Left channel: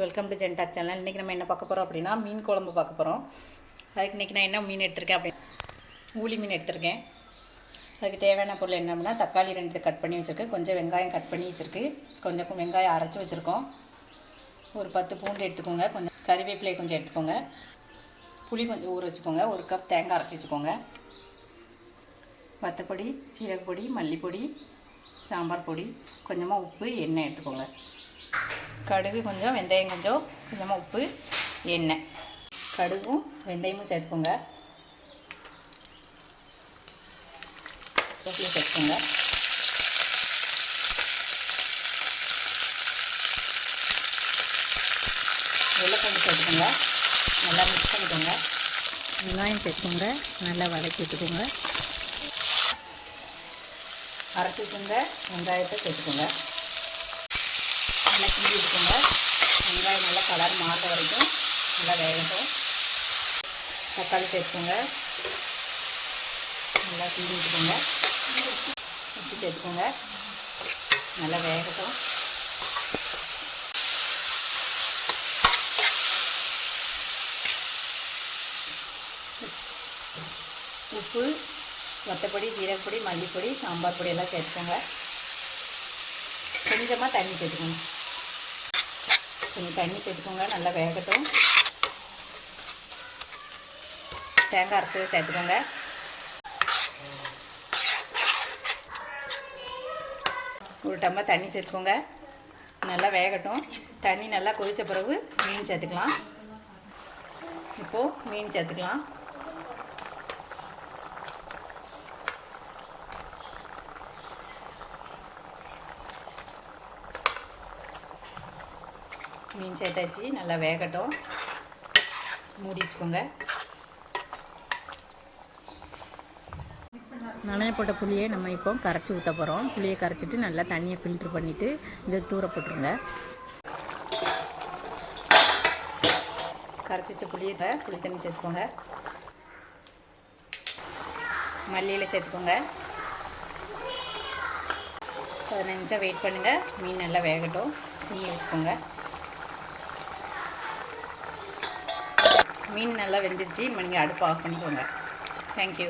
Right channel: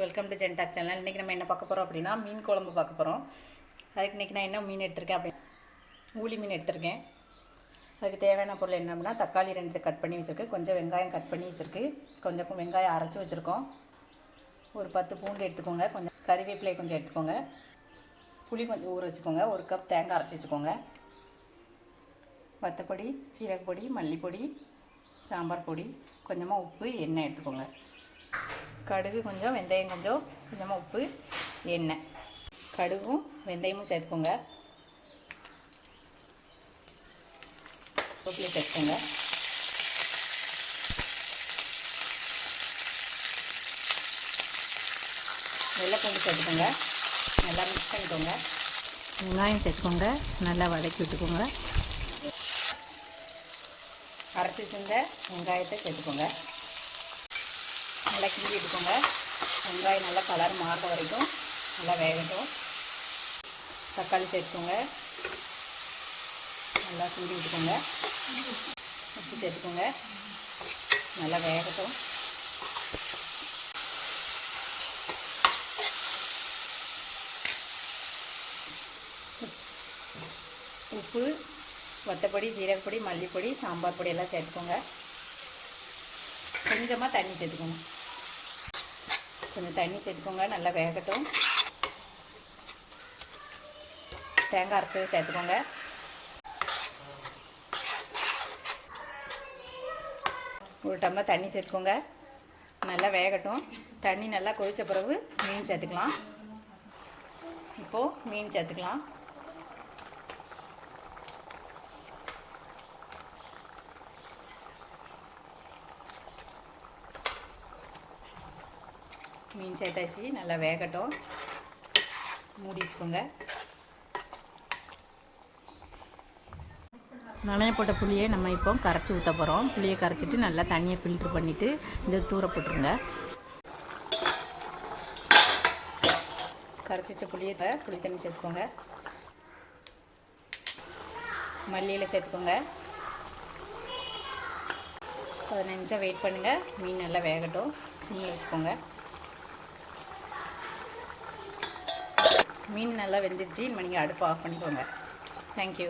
Welcome to ஜென்டாக் channel இன்றைக்கி நம்ம என்ன பார்க்க போகிறோம் அப்படின்னா மீன் குழம்பு பார்க்க போகிறோம் அதுக்கு இன்றைக்கி நான் என்ன மீன் எடுத்திருக்கேன் அப்படி ஊளி மீன் எடுத்திருக்கேன். அதுக்கு தேவையான பொருள் என்ன அப்படின்னா தக்காளி ரெண்டு கட் பண்ணி வச்சுருக்கு. கொஞ்சம் வெங்காயம் கட் பண்ணி வச்சுருக்கு. கொஞ்சம் வெங்காயம் அரைச்சி வச்சுருக்கோம். ஒரு பத்து பூண்டு எடுத்துக்கோங்க. கொஞ்சம் கறிவேப்பிலை கொஞ்சம் எடுத்துக்கோங்க. புளி கொஞ்சம் ஊற வச்சுக்கோங்க. ஒரு கப் தேங்காய் அரைச்சி வச்சுக்கோங்க. வத்தப்பொடி சீரகப்பொடி மல்லிப்பொடி சாம்பார் பொடி கொஞ்சமாக உப்பு எண்ணெய் எடுத்துக்கோங்க. கடுகு கொஞ்சம் வெந்தயம் கொஞ்சம் கொஞ்சமாக உப்பு எண்ணெய். கடுகும் வெந்தயமும் சேர்த்துக்கோங்க. உப்பில் சேர்த்துக்கோங்க. வெள்ளைப்பூண்டு சேர்த்துக்கோங்க. நல்லா மிக்ஸ் பண்ணிக்கோங்க. வெங்காயம் சேர்த்துக்கோங்க. நல்லா வதக்கி விட்டுக்கோங்க. அரைச்சி வச்சுருந்த வெங்காயத்தை சேர்த்துக்கோங்க. நல்லா கிண்டி விட்டுக்கோங்க வெங்காயம் நல்லா கலர் மாறுற வரைக்கும் நல்லா வேகட்டும். தக்காளி சேர்த்துக்கோங்க நல்லா கிண்டி விட்டுக்கோங்க உப்பு சேர்த்துக்கோங்க. நல்லா வேகட்டும். உப்பு வத்தப்பொடி ஜீரகப்பொடி மல்லிப்பொடி சாம்பார் பொடி எல்லாம் சேர்த்துக்கோங்க. கொஞ்சமாக தண்ணி சேர்த்துக்கோங்க. கொஞ்சம் தண்ணி சேர்த்துக்கோங்க நல்லா வேகட்டும். தேங்காய் அரைச்சது சேர்த்துக்கோங்க. ஒரு டம்ளர் தண்ணி சேர்த்துக்கோங்க. நல்லா வேகட்டும். தண்ணி நல்லா கொதித்த பிறகு மீன் சேர்த்துக்கலாம். இப்போது மீன் சேர்த்துக்கலாம். மீன் சேர்த்தாச்சு நல்லா வேகட்டும். மூடி வச்சுக்கோங்க நனைய போட்ட புளியை நம்ம இப்போ கரைச்சி ஊற்ற போகிறோம் புளியை கரைச்சிட்டு நல்லா தண்ணியை ஃபில்ட்ரு பண்ணிவிட்டு இந்த தூர போட்டுருங்க. கரைச்சி வச்ச புளியை புளி தண்ணி சேர்த்துக்கோங்க. மல்லியில் சேர்த்துக்கோங்க. பதினஞ்சு நிமிஷம் வெயிட் பண்ணுங்கள் மீன் நல்லா வேகட்டும். சிம்மில் வச்சுக்கோங்க. மீன் நல்லா வெந்துருச்சு நீங்கள் அடுப்பு ஆஃப் பண்ணிக்கோங்க. தேங்க்யூ